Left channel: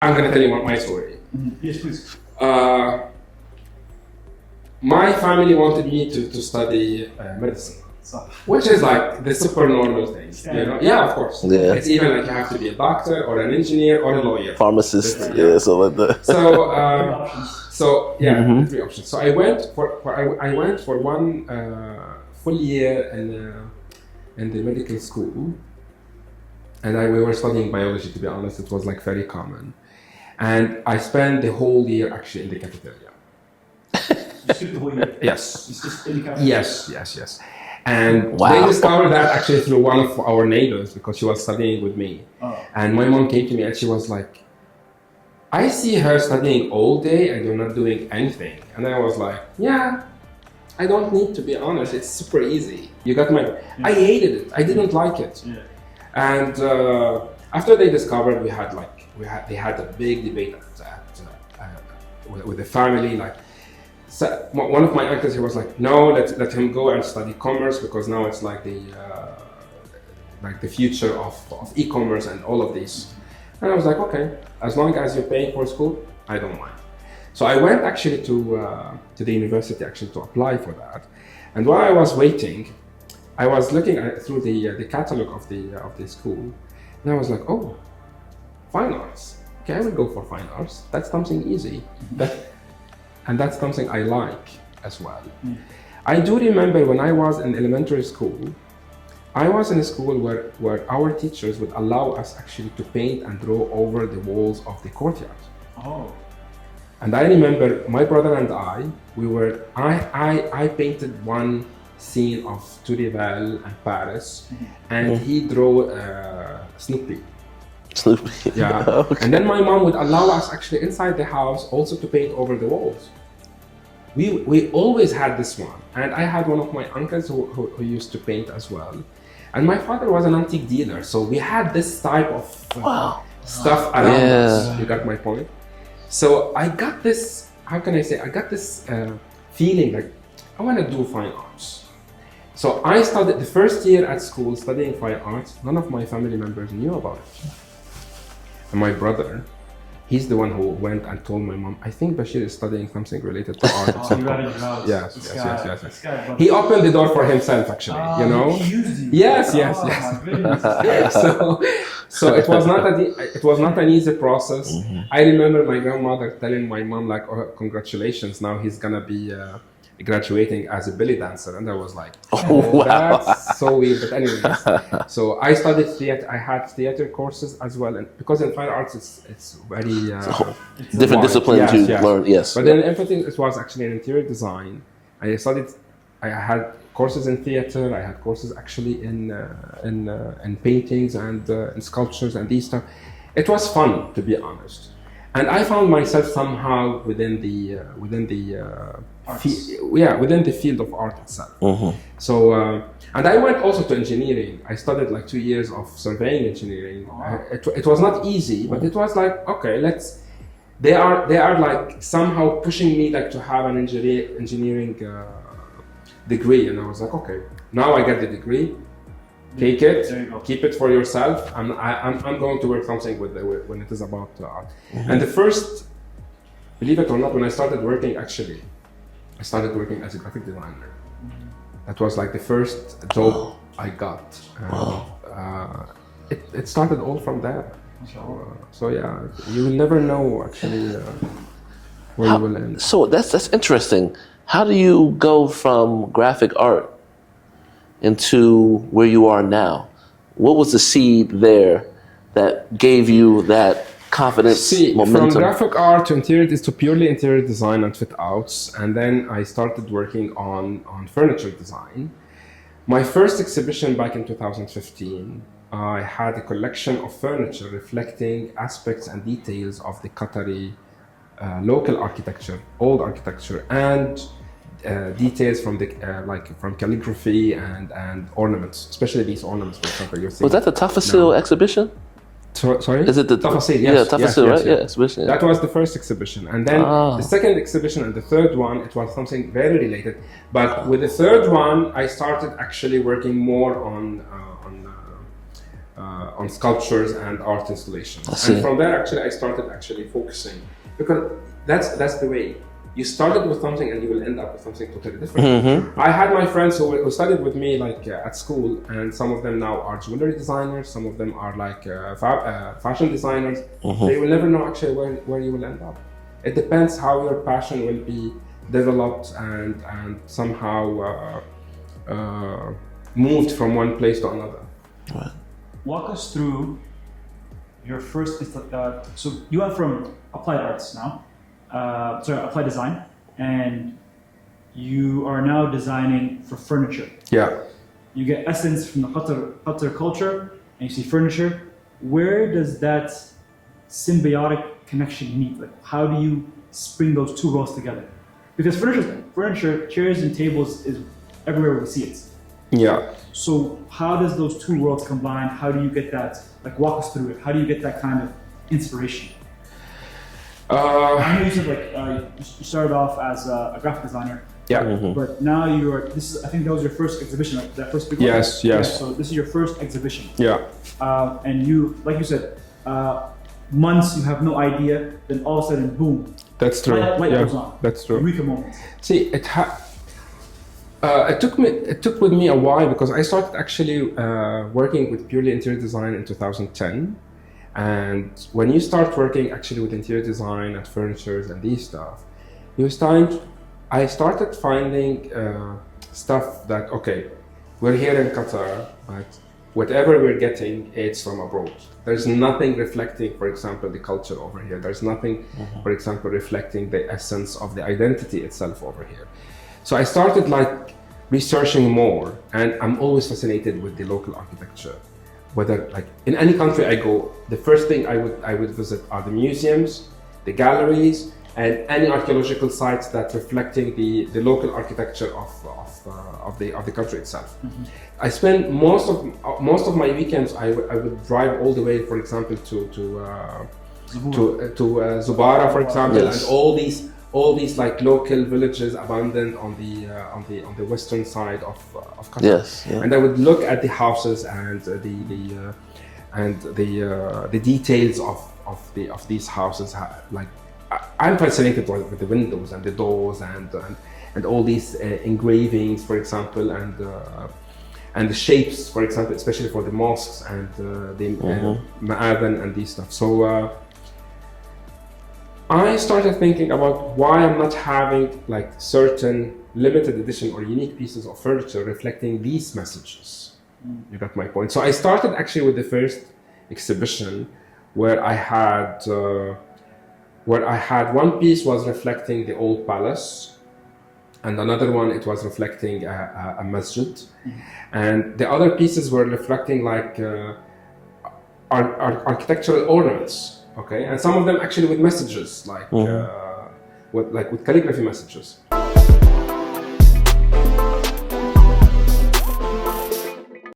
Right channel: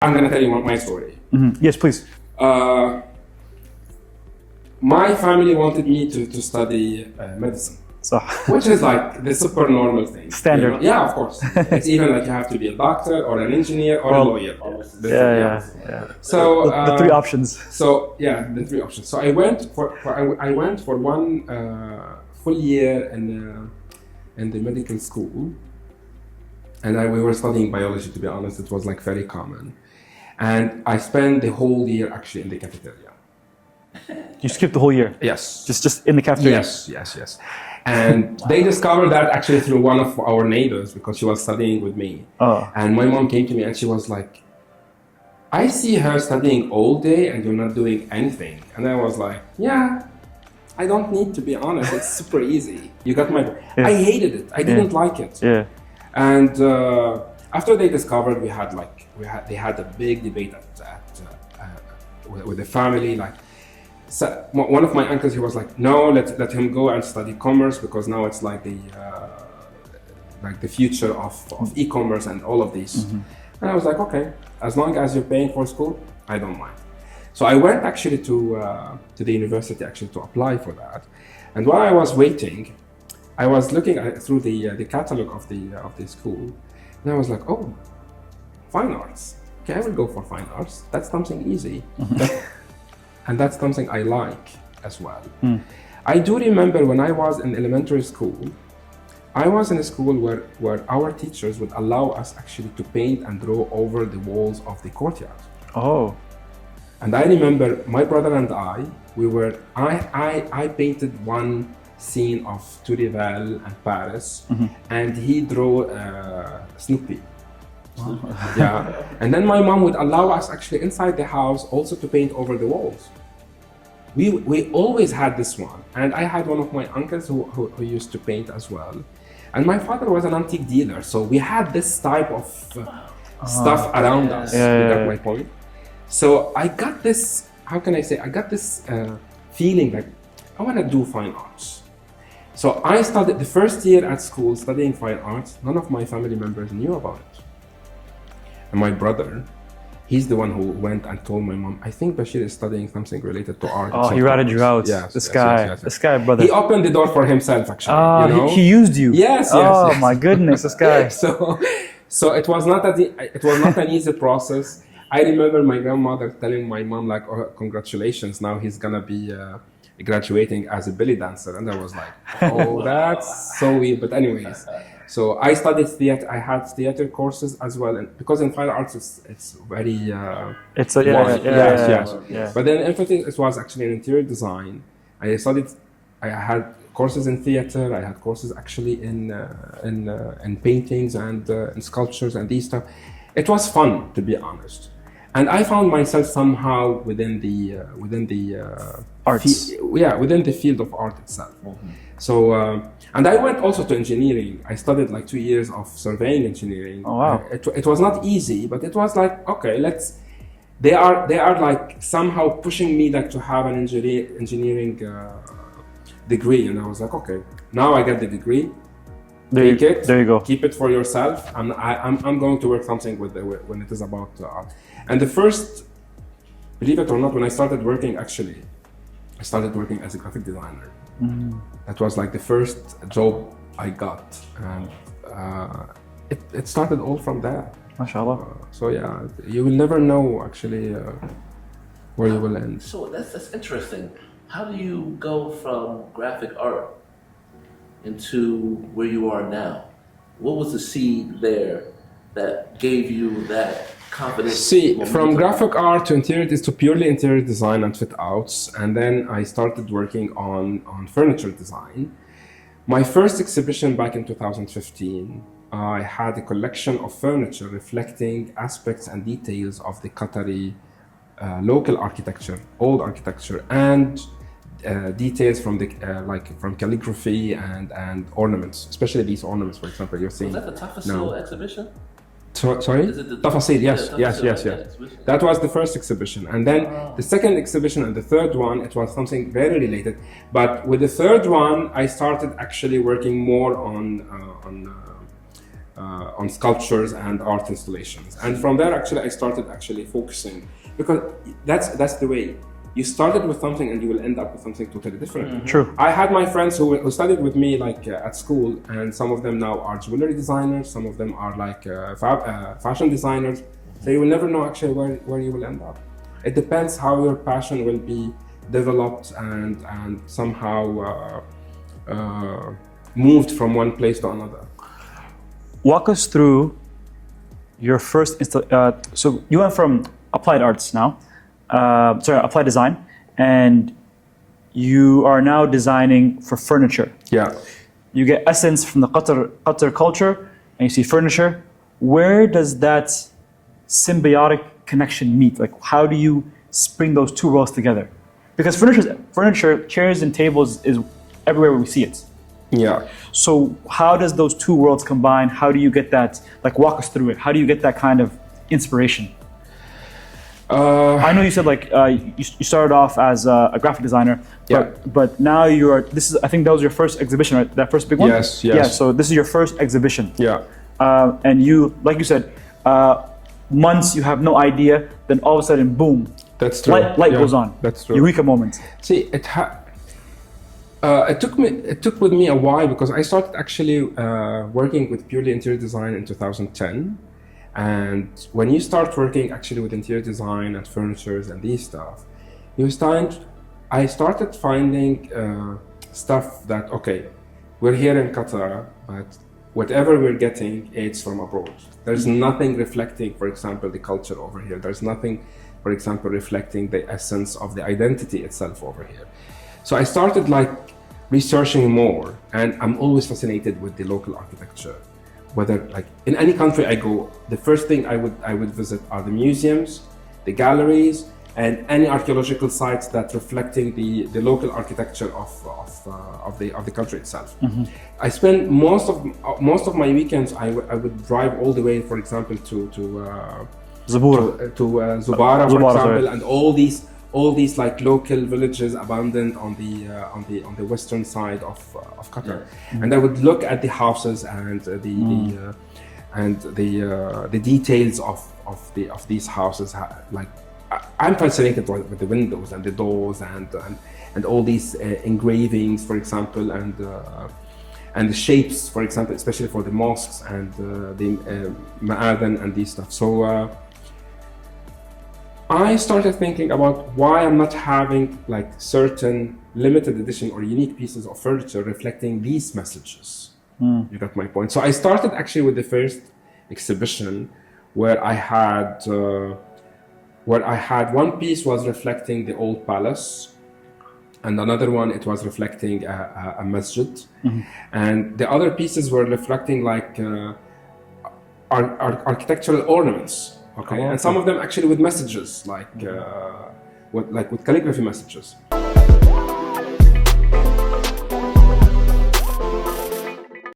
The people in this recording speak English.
I'm going to tell you my story. Yes, please. My family wanted me to study medicine, So, which is like the super normal thing. Standard. You know? Yeah, of course. Yeah. It's even like you have to be a doctor or an engineer or a lawyer. Pharmacist. Yeah. So like the So the three options. So yeah, the three options. So I went for one full year in the medical school, and we were studying biology. To be honest, it was like very common, and I spent the whole year actually in the cafeteria. You skipped the whole year. Yes. Just in the cafeteria. Yes. And they discovered that actually through one of our neighbors because she was studying with me. Oh. And my mom came to me and she was like, I see her studying all day and you're not doing anything. And I was like, yeah, I don't need to be honest. It's super easy. You got my point. I hated it. I didn't like it. Yeah. And after they discovered, they had a big debate with the family. Like, so one of my uncles, he was like, no, let him go and study commerce because now it's like the future of e-commerce and all of these. And I was like, okay, as long as you're paying for school, I don't mind. So I went actually to the university actually to apply for that. And while I was waiting, I was looking through the catalog of the school, and I was like, oh, fine arts. Okay, I will go for fine arts. That's something easy. And that's something I like as well. I do remember when I was in elementary school, I was in a school where our teachers would allow us actually to paint and draw over the walls of the courtyard. Oh. And I remember my brother and I painted one scene of Tourival and Paris, and he drew Snoopy. Yeah. Okay. And then my mom would allow us actually inside the house also to paint over the walls. We always had this one, and I had one of my uncles who used to paint as well. And my father was an antique dealer, so we had this type of stuff around us. You got my point? So I got this, how can I say, I got this feeling like I want to do fine arts. So I started the first year at school studying fine arts. None of my family members knew about it. And my brother, he's the one who went and told my mom, I think Bachir is studying something related to art. Oh, he ratted you out. Yes. This guy, brother. He opened the door for himself, actually. You know? He used you. Yes. Oh my goodness, this guy. So it was not an easy process. I remember my grandmother telling my mom like, "Oh, congratulations! Now he's gonna be graduating as a belly dancer," and I was like, "Oh, that's so weird." But anyways, so I studied theater. I had theater courses as well, and because in fine arts it's very It's a different discipline to yes. learn. Yes. But then everything it was actually in interior design. I had courses in theater. I had courses actually in paintings and in sculptures and these stuff. It was fun, to be honest, and I found myself somehow within the arts. Within the field of art itself. So and I went also to engineering. I studied like 2 years of surveying engineering. Oh, wow. It was not easy, but it was like, okay, they are like somehow pushing me like to have an engineering degree, and I was like, okay, now I get the degree, take it, there you go, keep it for yourself, and I'm going to work something with when it is about art. And the first, believe it or not, when I started working, actually, I started working as a graphic designer. That was like the first job I got. It started all from there. MashaAllah. So yeah, you will never know actually where you will end. So that's interesting. How do you go from graphic art into where you are now? What was the seed there that gave you that confidence? See, momentum? from graphic art to interior to purely interior design and fit outs, and then I started working on furniture design. My first exhibition back in 2015, I had a collection of furniture reflecting aspects and details of the Qatari local architecture, old architecture, and details from the from calligraphy and ornaments, especially these ornaments. For example, you're seeing. Was that the Tafasil exhibition? Sorry? Is it the Tafasil? Yes, yeah, yes, Tafasil, yes, right? yes. Yeah, exhibition. That was the first exhibition, and then the second exhibition and the third one, it was something very related. But with the third one, I started actually working more on sculptures and art installations, and from there, actually, I started actually focusing, because that's the way. You started with something and you will end up with something totally different. True. I had my friends who studied with me at school, and some of them now are jewelry designers, some of them are fashion designers. They will never know actually where you will end up. It depends how your passion will be developed and somehow moved from one place to another. Walk us through your first so you went from applied arts now, applied design, and you are now designing for furniture. Yeah. You get essence from the Qatar culture, and you see furniture. Where does that symbiotic connection meet? Like, how do you bring those two worlds together? Because furniture, chairs and tables is everywhere we see it. Yeah. So how does those two worlds combine? How do you get that? Like, walk us through it. How do you get that kind of inspiration? I know you said you started off as a graphic designer, but now you are. I think that was your first exhibition, right? That first big one. Yes. Yeah. So this is your first exhibition. Yeah. And you, like you said, months you have no idea, then all of a sudden, boom. That's true. Light goes on. That's true. Eureka moment. See, it took with me a while, because I started actually working with purely interior design in 2010. And when you start working actually with interior design and furnitures and these stuff, I started finding stuff that, okay, we're here in Qatar, but whatever we're getting, it's from abroad. There's nothing reflecting, for example, the culture over here. There's nothing, for example, reflecting the essence of the identity itself over here. So I started researching more, and I'm always fascinated with the local architecture. Whether in any country I go, the first thing I would visit are the museums, the galleries, and any archaeological sites that reflecting the local architecture of the country itself. I spend most of my weekends. I would drive all the way, for example, to Zubara, for example, yes. and all these local villages abandoned on the western side of Qatar. Yes, yeah. And I would look at the houses and the details of these houses. I'm fascinated with the windows and the doors and all these engravings, for example, and the shapes, for example, especially for the mosques and the ma'adhan and these stuff. So I started thinking about why I'm not having certain limited edition or unique pieces of furniture reflecting these messages. You got my point. So I started actually with the first exhibition where I had one piece was reflecting the old palace, and another one it was reflecting a masjid, and the other pieces were reflecting architectural ornaments. Okay, and some of them actually with messages, with calligraphy messages.